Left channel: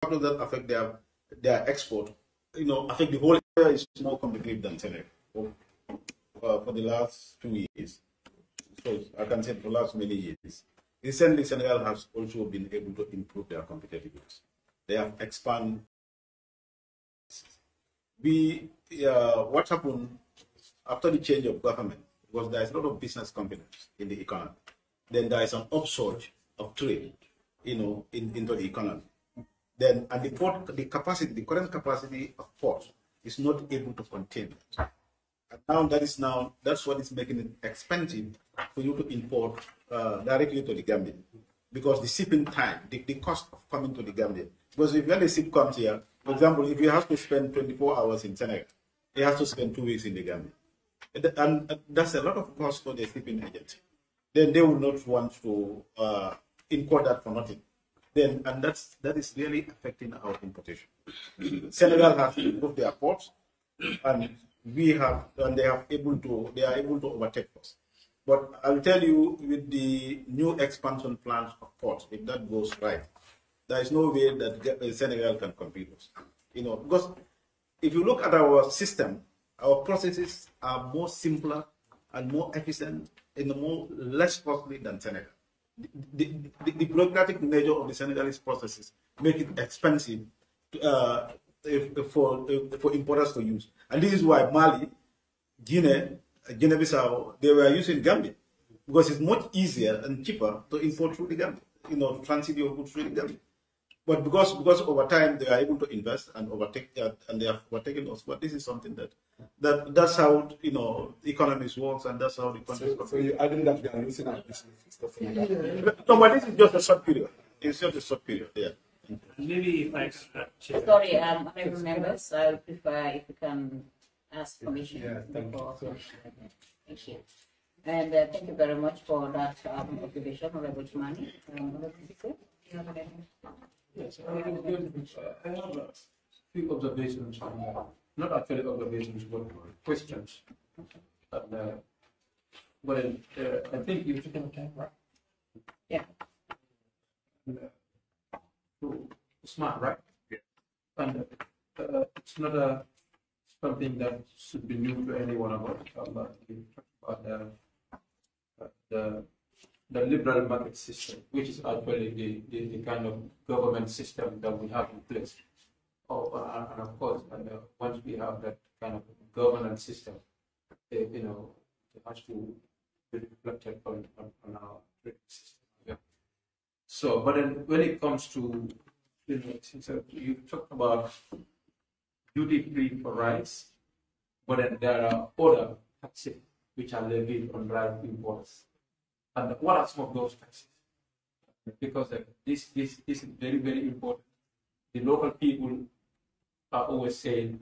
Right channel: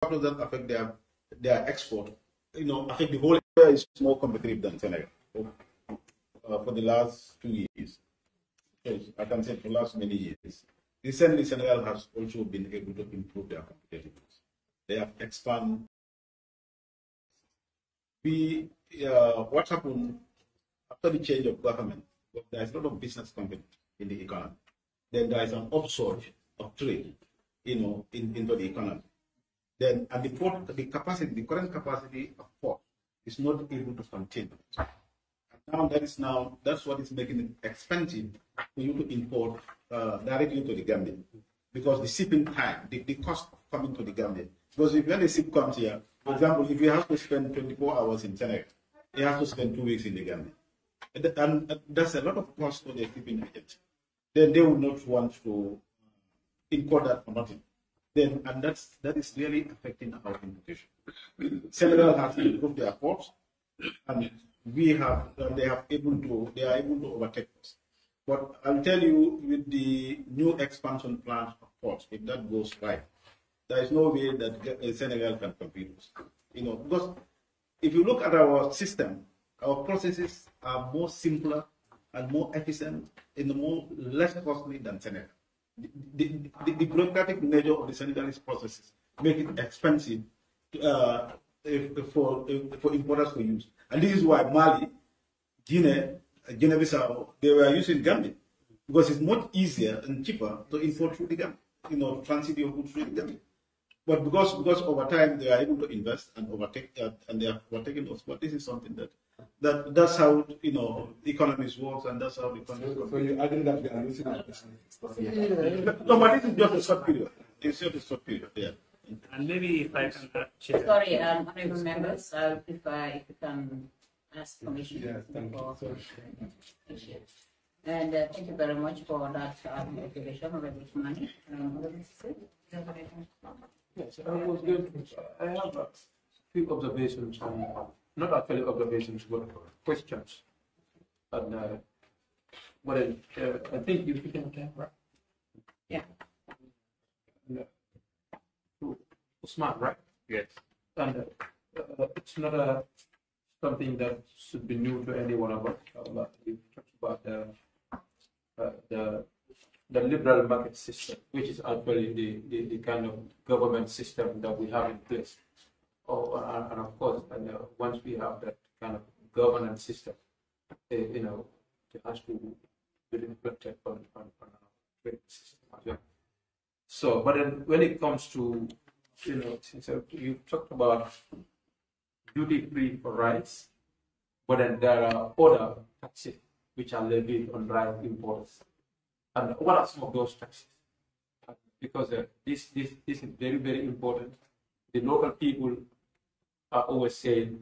factors that affect their export, affect the whole area is more competitive than Senegal for the last 2 years. So I can say for the last many years. Recently, Senegal has also been able to improve their competitiveness. They have expanded. What happened after the change of government was there is a lot of business confidence in the economy. Then there is an upsurge of trade, into the economy. Then and the current capacity of port is not able to contain it. And that's what is making it expensive for you to import directly to the Gambia, because the shipping time, the cost of coming to the Gambia. Because if when the ship comes here, for example, if you have to spend 24 hours in Senegal, you have to spend 2 weeks in the Gambia, and that's a lot of cost for the shipping agency. Then they will not want to import that for nothing. That is really affecting our importation. Senegal has to improve their ports, and they are able to overtake us. But I'll tell you, with the new expansion plans of ports, if that goes right, there is no way that Senegal can compete us. Because if you look at our system, our processes are more simpler and more efficient and less costly than Senegal. The bureaucratic nature of the Senegalese processes make it expensive for importers to use. And this is why Mali, Guinea-Bissau, they were using Gambia, because it's much easier and cheaper to import through the Gambia, to transit your goods through the Gambia. But because over time they are able to invest and overtake that, and they have overtaken us. But this is something that's how economies works, and that's how the economies. So you agree that they are losing our business? No, but this is just a short period. It's just a short period. Yeah. And maybe if I can add, sorry, honorable members, if you can ask permission. Yeah, thank you. Thank you. And thank you very much for that observation, Honorable Tumani. Honorable Ceesay, you have anything? Yes, I have a few observations, not actually observations, but questions. And I think you've taken time, right? Yeah. To Usman, right? yes. And it's not something that should be new to any one of us. But you talked about the liberal market system, which is actually the kind of government system that we have in place. And of course, once we have that kind of governance system, it has to be reflected on our trade system as well. So, but then when it comes to, since you talked about duty-free for rice, but then there are other taxes which are levied on rice importers. And what are some of those taxes? Because this is very, very important. The local people are always saying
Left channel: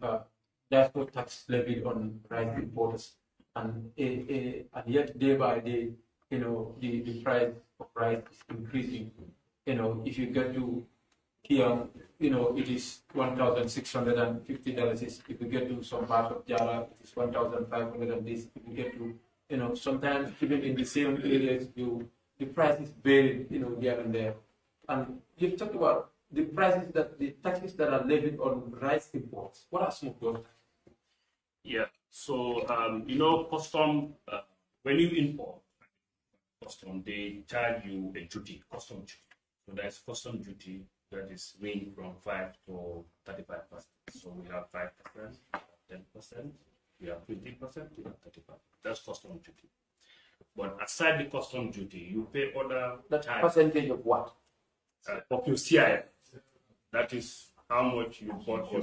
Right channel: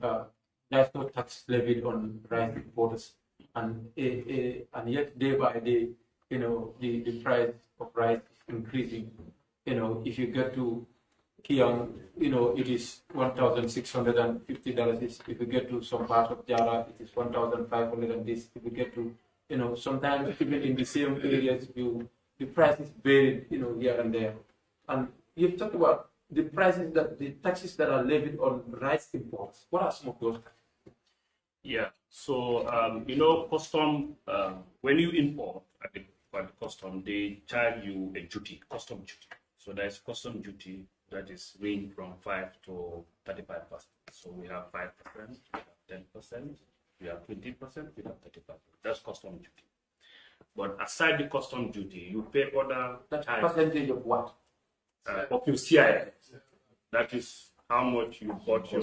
there's no tax levied on rice importers, and yet day by day, the price of rice is increasing. If you get to Kiang, it is $1,650. If you get to some parts of Java, it is 1,500. And this, if you get to, sometimes even in the same areas, the price is varied, here and there. And you've talked about the taxes that are levied on rice imports. What are some of those taxes? Yeah. So custom when you import at the custom, they charge you a duty, custom duty. So there is custom duty that is range from 5 to 35%. So we have 5%, we have 10%, we have 20%, we have 35%. That's custom duty. But aside the custom duty, you pay other percentage of what? Of your CIF. That is how much you bought your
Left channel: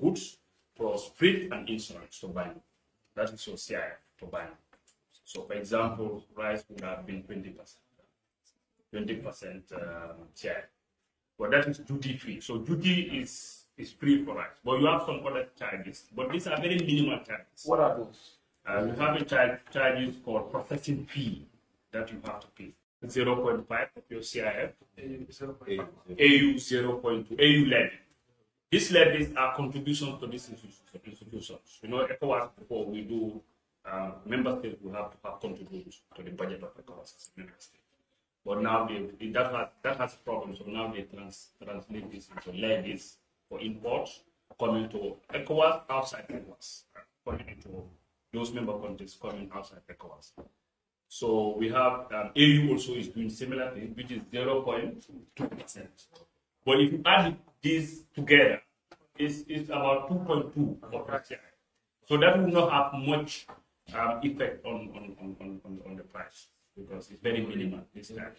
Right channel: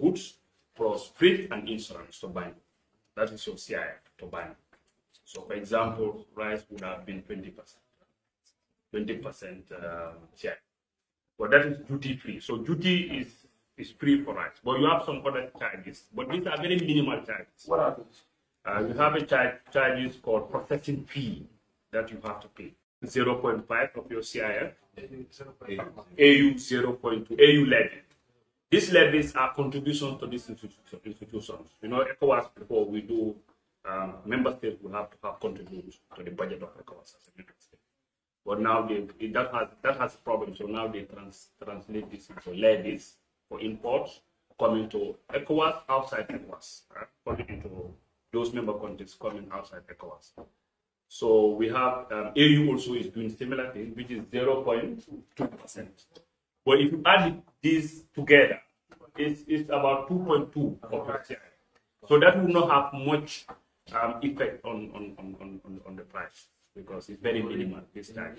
goods plus freight and insurance to buy. That is your CIF to buy. So, for example, rice would have been 20%. 20% CIF. But that is duty free. So duty is free for rice. But you have some other charges. But these are very minimal charges. What are those? You have a charges called processing fee that you have to pay. 0.5 of your CIF, AU 0.2, AU levy. These levies are contributions to these institutions. ECOWAS, before we do, member states will have to contribute to the budget of ECOWAS as a member state. But now that has problems. So now they translate this into levies for imports coming to ECOWAS, outside ECOWAS, coming into those member countries coming outside ECOWAS. So we have AU also is doing similar thing, which is 0.2%. But if you add these together, it's about 2.2 of the. So that will not have much effect on the price because it's very minimal this time.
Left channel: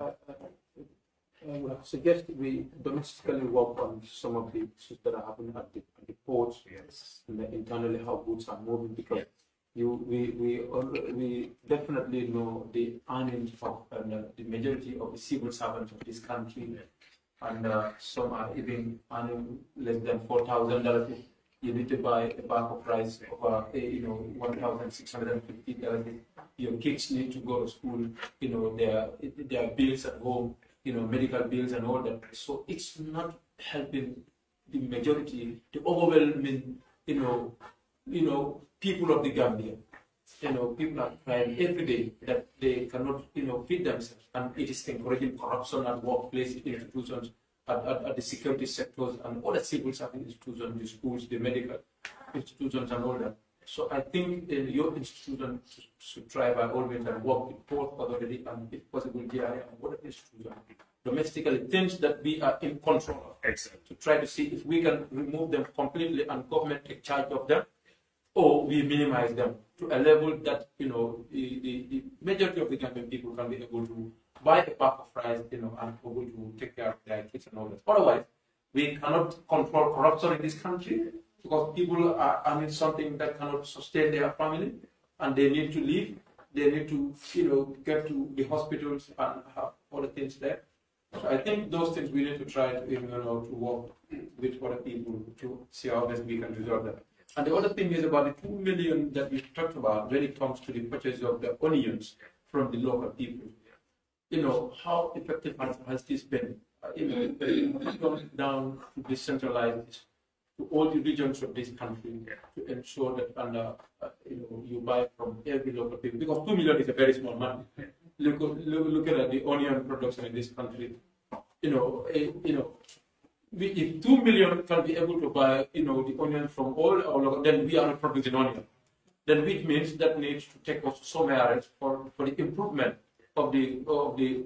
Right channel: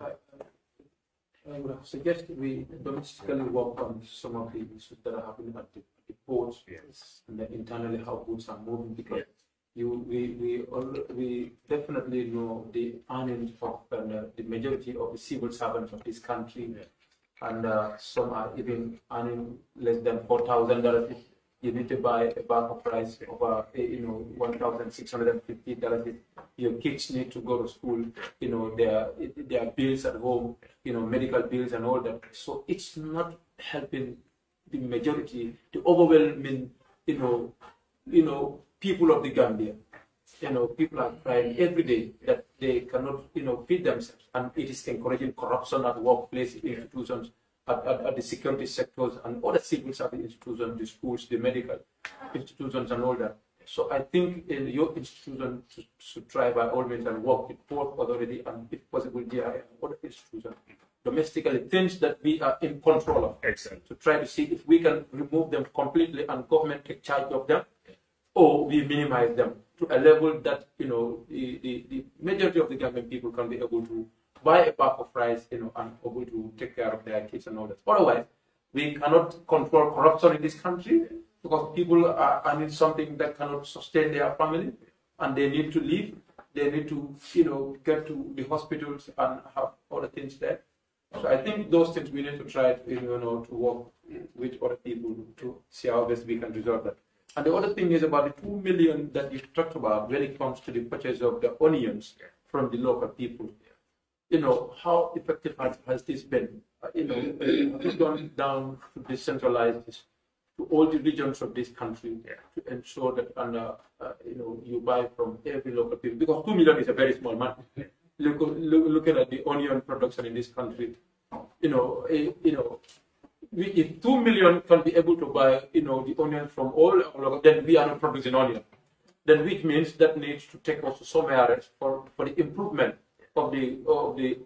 I would suggest we domestically work on some of the issues that are happening at the ports, Yes. and internally how goods are moving, because we definitely know the earnings of the majority of the civil servants of this country, and some are even earning less than $4,000. You need to buy a bag of rice over $1,650. Your kids need to go to school. Their bills at home, medical bills and all that. So it's not helping the majority, the overwhelming, people of the Gambia. People are crying every day that they cannot, feed themselves, and it is encouraging corruption at workplace institutions, at the security sectors, and other civil service institutions, the schools, the medical institutions, and all that. So I think your institution should try by all means and work with Port Authority and, if possible, GRA and other institutions domestically, things that we are in control of. Excellent. To try to see if we can remove them completely and government take charge of them, or we minimize them to a level that the majority of the Gambian people can be able to buy a pack of rice, and able to take care of their kids and all that. Otherwise, we cannot control corruption in this country because people are earning something that cannot sustain their family, and they need to live. They need to, get to the hospitals and have other things there. So I think those things we need to try to, to work with other people to see how best we can resolve that. And the other thing is about the 2 million that you talked about when it comes to the purchase of the onions from the local people. How effective has this been? Gone down to decentralize this to all the regions of this country to ensure that you buy from every local people, because 2 million is a very small money. Looking at the onion production in this country, if 2 million can be able to buy, the onion from all our local, then we are not producing onion. Then which means that needs to take us to somewhere else for the improvement of the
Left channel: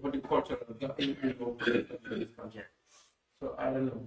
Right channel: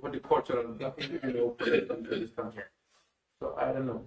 horticultural, in this country. So I don't know.